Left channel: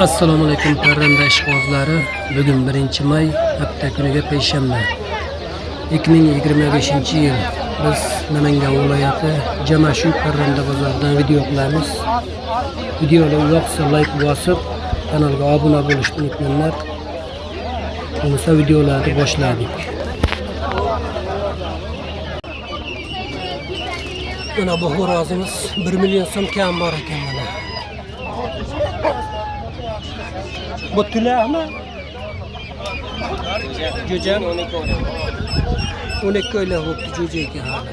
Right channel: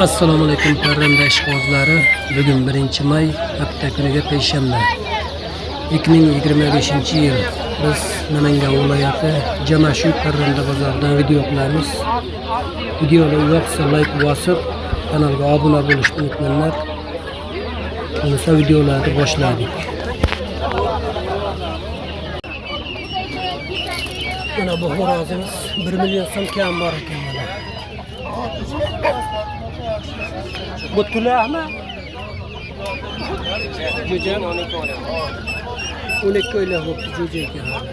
Assalomu alaykum parranda ishqibozlari. Bugun 1-may, hafta kuniga payshanba. 2025-yil. Biz Namangan viloyati Jamashu parranda bozoridan video qilamiz. Videoni yoqsa like bosib, kanalga obuna bo'lishni unutmanglar. Bo'lmasa videolarni boshladik. Mana bu xo'rozimiz 1 million so'm kam bor ekan mana. Bu tilahmi? Jo'jam 12 oylik bo'libdi jo'jaga hali.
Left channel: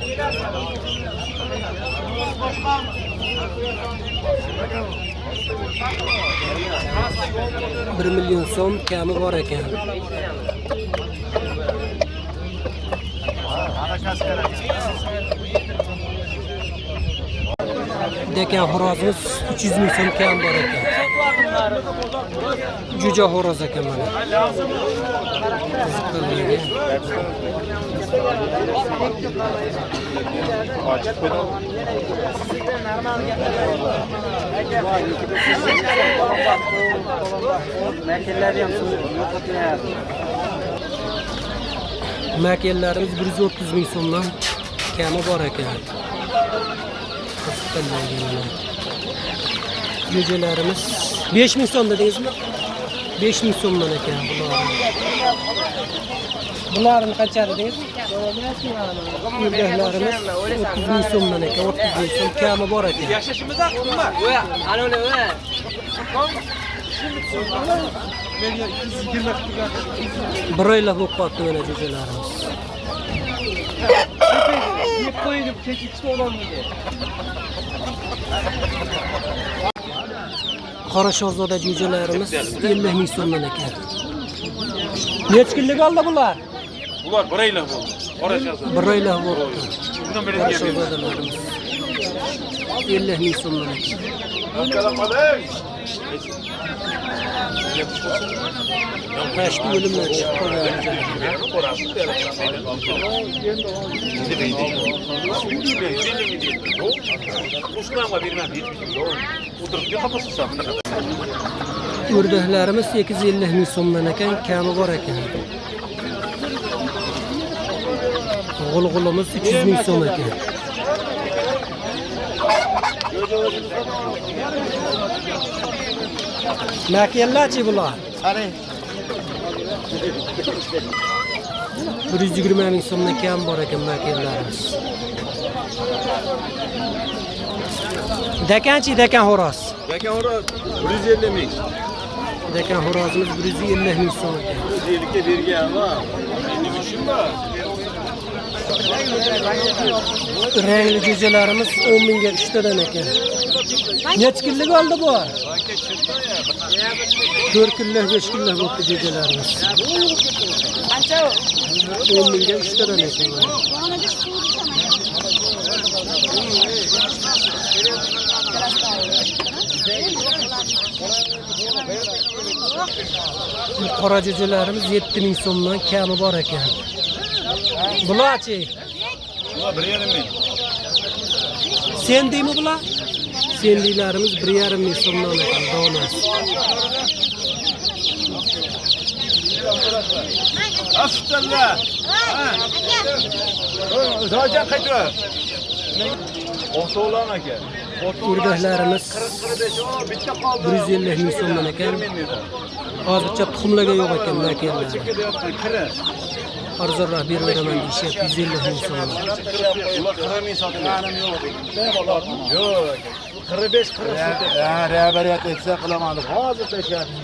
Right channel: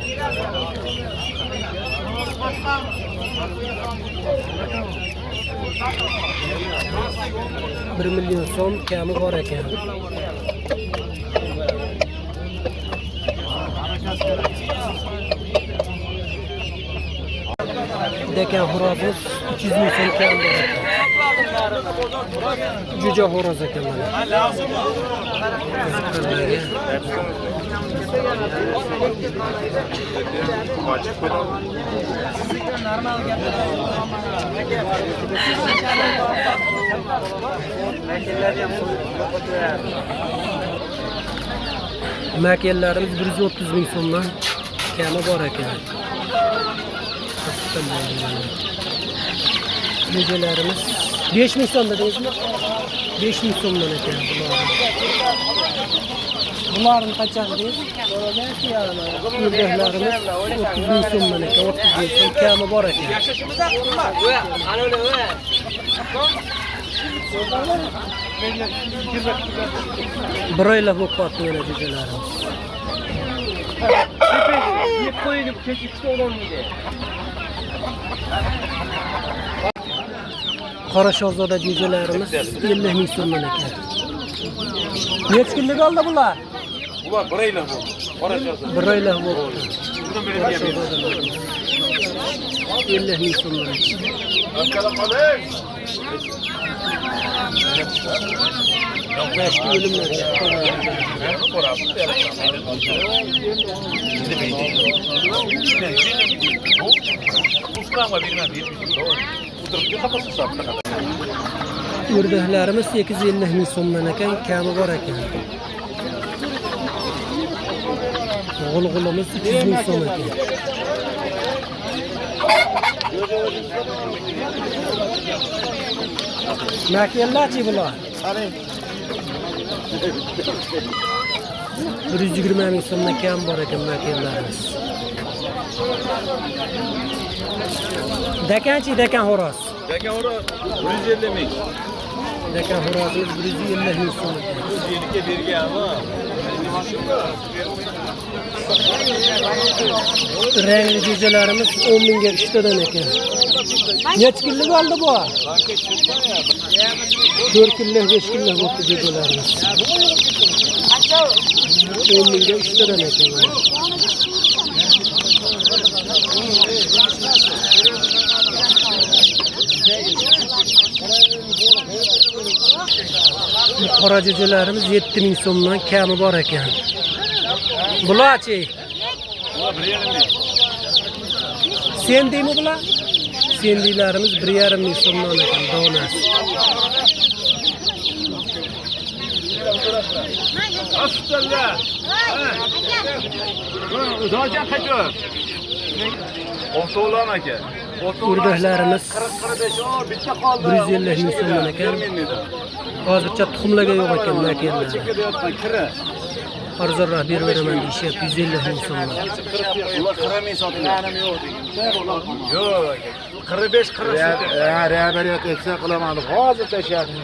1 million so'm kami bor ekan. Dekan xo'rozimiz 300 ming so'm kam bor ekan. Jo'ja xo'roz ekan mana. Qiziqlarga. Makellarimiz 130 ming so'mdan kami bor ekan. Jo'jalarimiz 5 ming so'm dedingizmi? 5 ming so'mdan ekan bular. Bularni qancha dedingiz? Yo'llarimiz 30 ming so'mdan ekan, 30 ming so'm kami bor ekan. Yashashimizda qimmat. Ana o'la. Bir oylar bo'lib qoldi mana jo'jalarimiz. Yeb qo'yib ikkita odamga. Qora shahzoda jo'jalarimiz 50 ming so'mdan ekan. Necha kunlik oldi bular? Bular 1 oylik bo'ldi. Qora shahzoda. 1 oylik bo'ldi. Qora shahzodalarimiz 50 ming so'mdan ekan. Başka ölümler çıktı. Ördeklerimiz 850 ming so'mdan ekan, kami bor ekan. G'ulg'ulimiz 300 ming so'm ekan. Makellarchi bular? Qarang. 120 ming so'mdan kam bor ekan makellarimiz. Dekan xo'roz. Dekan xo'roz 150 ming. Dekan xo'rozimiz 150 ming so'm ekan. 150 ga bergan ama. Endi mashina. Rangli jo'jalarimiz 10 mingga 3 tadan ekan. Necha kunlik oldi bu? 4 kunlik, 5 kunlik bo'ldi jo'jalarimiz. 10 mingga 3 tadan ekan mana. Bu qora jo'jalarimiz 7 ming so'mdan kami bor ekan. Bularchi? Bular 1,5 ming. Sen deymi bular? Sendilarimiz 1,5 ming so'mdan ekan donasi. Astag'firullah. Dojan qaytib. O'to'lan aka. O'rdaklarimiz 150 ming so'mdan ekan. Hozircha tuxumlarga yo'q ekan makellar. Arzonroq berib beraman deyishyapti 150 ming so'mdan. Ular 40 ming sotiladi. Yo'q, 45 40 sotiladi. Rahbariyat etsa qilamadik. Hozir tashlayapti.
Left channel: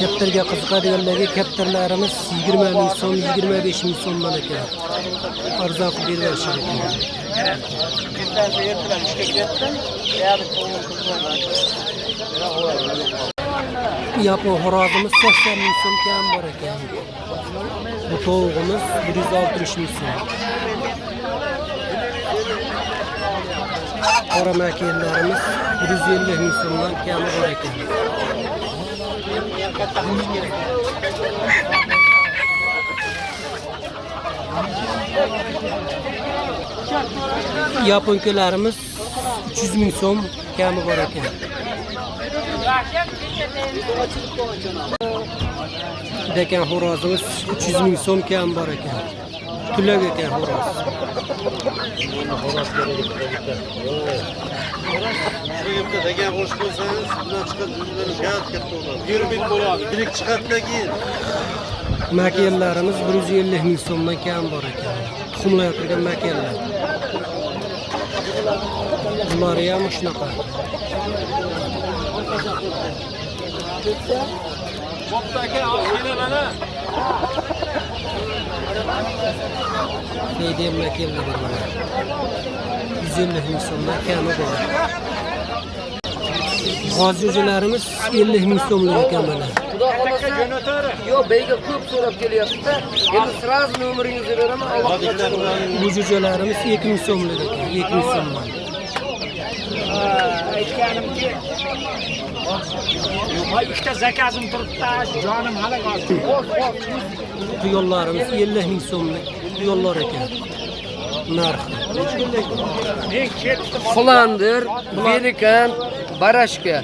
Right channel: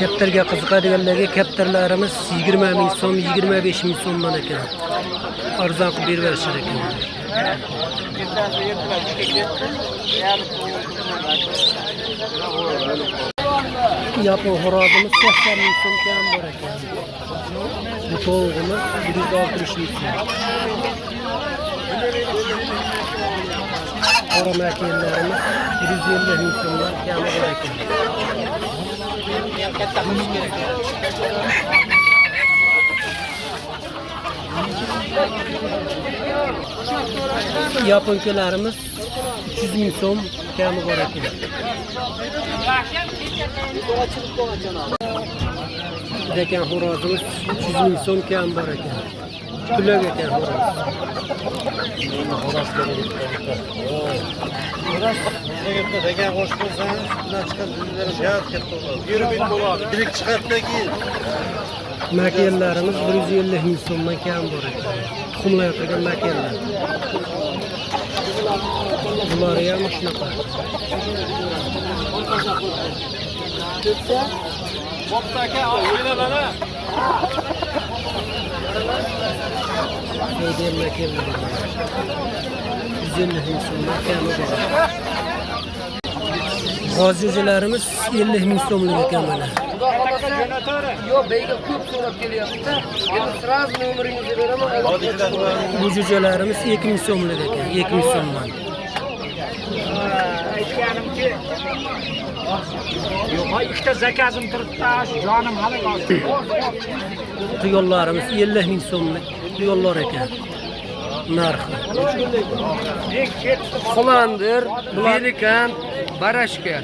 Kaptarga qiziqadiganlarga kaptarlarimiz 20 ming so'm, 25 ming so'mdan ekan. Arzon qilib berib berishar ekan. Yapon xo'rozimiz 80 ming so'm kam bor ekan. Bu tovuğumuz 160 ming so'm. Qora makellarimiz 150 ming so'mdan kami bor ekan. Yaponkalarimiz 300 ming so'm kami bor ekan. Dekan xo'rozimiz 300 ming so'm kam bor ekan. Tulak ekan xo'roz. Degan qo'shib qo'ysangiz, bundan chiqib bizlar shart katta bo'ladi. 1 ming bo'ladi. Yirik chiqadiki. Makellarimiz 150 ming so'mdan kam bor ekan. Tuxumlayotgan makellar. Bular ham shunaqa. Deydi makellar bor. 150 ming so'mdan kami bor. G'oz-jo'jalarimiz 50 ming so'mlik ekan mana. Yo, beyga ko'p so'rab kelyapti-da. Endi sraz nomeringizni beraman. Bu jo'jalarimiz 2 ming so'mlik ekan, 2 ming so'mdan. Aytganimki, yo'q, ikkita zakazim turibdi, jonim halak oldi. Tuyollarimiz 50 ming so'mlik tuyollar ekan. Narxi. Flandir, Belikan, Barashka.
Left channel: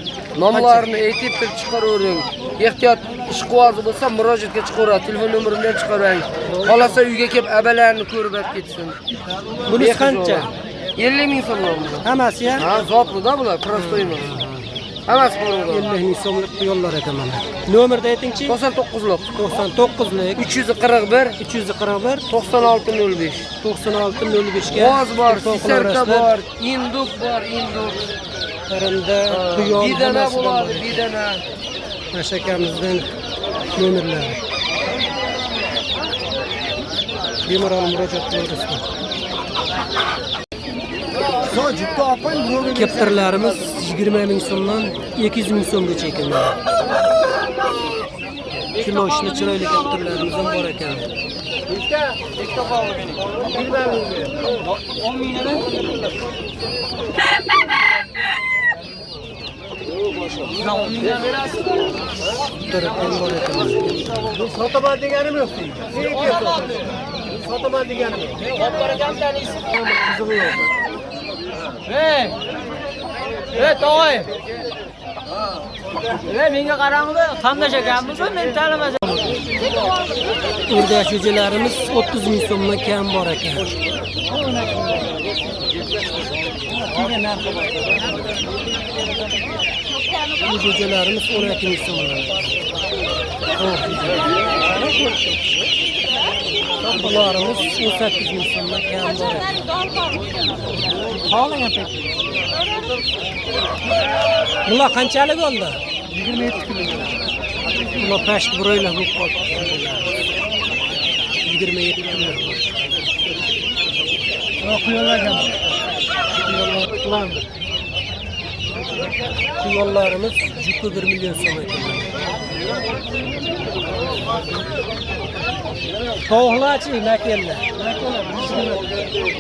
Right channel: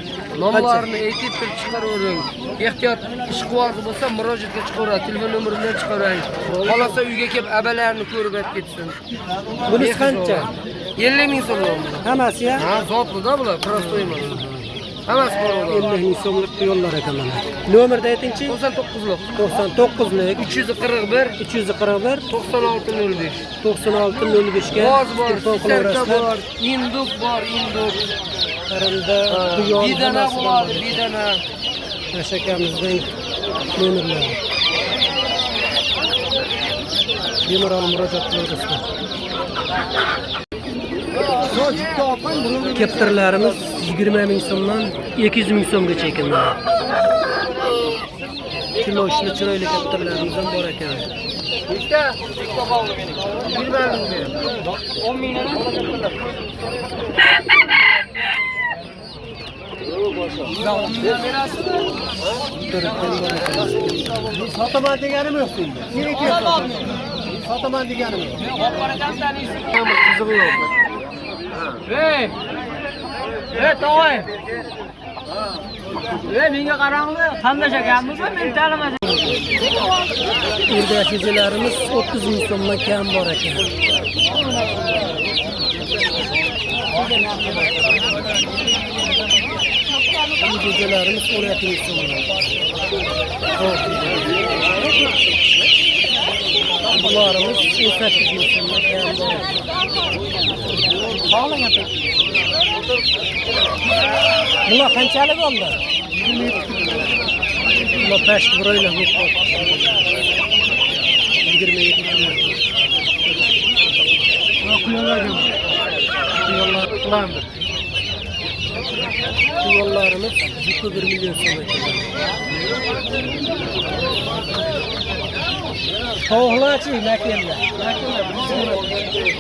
Nomlarini aytib chiqaravering. Ehtiyot ish qiyozi bo'lsa murojaatga chiqaveradi. Telefon nomeridan chiqaring. Qolasa uyga kelib abalarni ko'rib ketsin. Bunisi qancha? 50 ming so'm. Hammasi ya? Ha, zotli-da bular, prosto emas. Hammasi bor. 50 ming so'mlik tuyollar ekan mana. Nomerni aytingchi? 99lik. 99lik 341 341 9605. 9605 ga G'oz bor, telefon sirka qilaverasizlar. bor, induk bor, induk. Qarinda tuyol Didana hammasidan bor, bor. didana. Mashakamizdan nomerlar. Bemalol murojaat qilaverasizlar. Keptirlarimiz 20 ming so'mdan 200 ming so'mgacha ekan mana. Kilo ishli chiroyli keptirlarimiz ham bor ekan. Tarafdan bor ekan. Sotaman deganim yo'q deydi. Sotaman deganim yo'q. Qizig'i yo'q. To'g'ri. Menga qaranglar, tanlashganmiz, men tanlamasam. Urdash jo'jalarimiz 30 ming so'mdan kam bor ekan. Bu jo'jalarimiz 12 ming so'mdan. Bularimiz 18 ming so'mdan kam bor ekan. Bular qanchalik oldi? 27 kilo. Bular past broylar bo'lib qoldi. 27 kilo. Tuyollarimiz jupi 1 million so'm ekan. Tovuqlarchi makellar.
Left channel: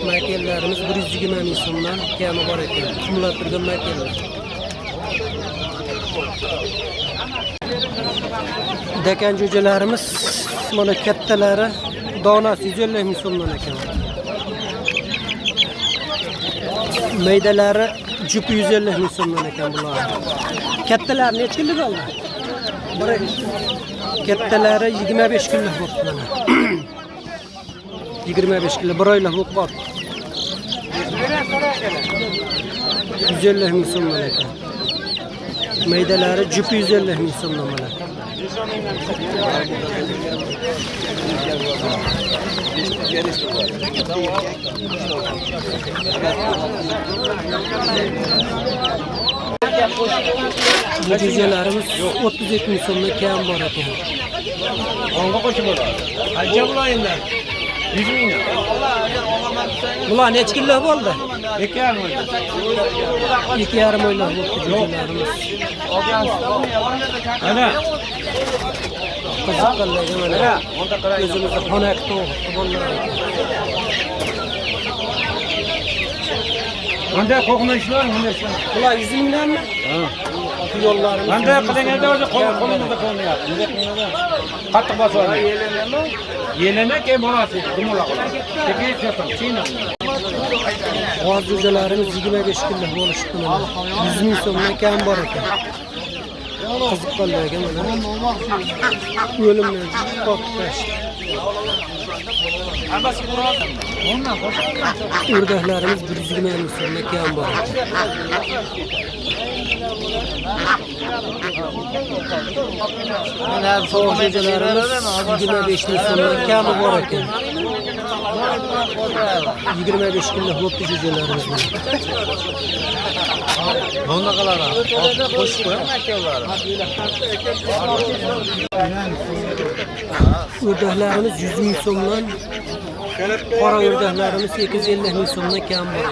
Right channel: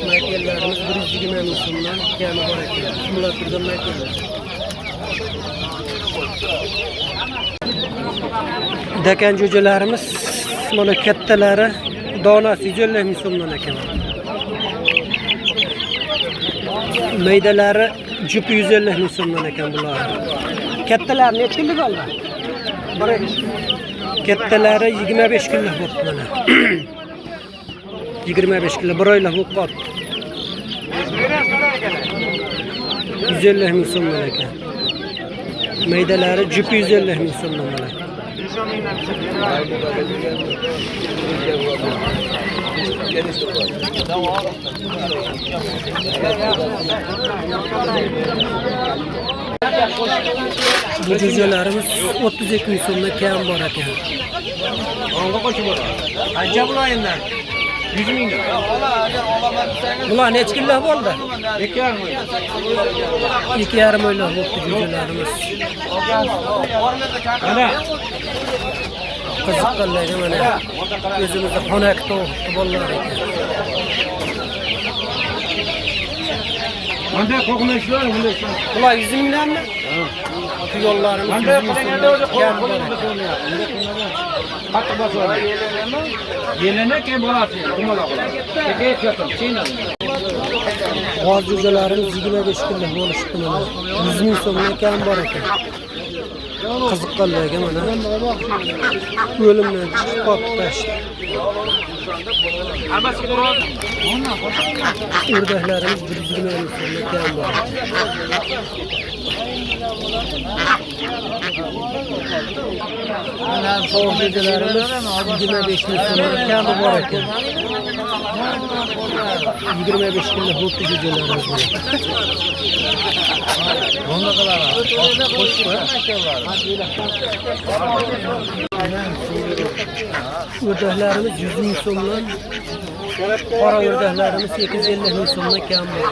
Makellarimiz 120 ming so'mdan kami bor ekan. Jumla turgan makellar. Dekan jo'jalarimiz mana kattalari donasi 150 ming so'mdan ekan. Maydalari jupi 150 ming so'mdan ekan bular. Kattalar necha kunlik oldi? Kattalari 25 kunlik bo'libdi mana. 25 kilo bir oylik bo'lib qoldi. 150 ming so'mdan ekan. Maydalari jupi 150 ming so'mdan mana. Bu jo'jalarimiz 32 ming so'mdan kam bor ekan. Qancha bulayimlar? 100 ming. Bular necha kilo bo'ldi? 2,5. 2,5 oylik bo'ldi jo'jalarimiz. Mana Qiziqqanlarga mana o'zimizda xonak to'g'ri bolalar ekan. Bunda qo'qnashlar, bunda ishlar. Bular 100 mingdanmi? Tuyollarimiz 100 ming so'mdan kam bor ekan. Qattiq bosar. Yelena keyin bo'ladi. Dumalaq. Keyin ko'rsam, China. G'oz jo'jalarimiz 25 kilo bo'lishdi mana. 100 ming so'mdan kam bor ekan. Qiziqqanlarga mana o'limdan chiqib qolibdi. O'rdaklarimiz 120 ming so'mga kam bor. Mana sovuq jo'jalarimiz 25 ming so'mga kami bor ekan. 25 kunda bo'pti jo'jalarimiz mana. Bunga qalar. O'rdaklarimiz 100 ming so'mdan, qora o'rdaklarimiz 850 ming so'mdan kam bor.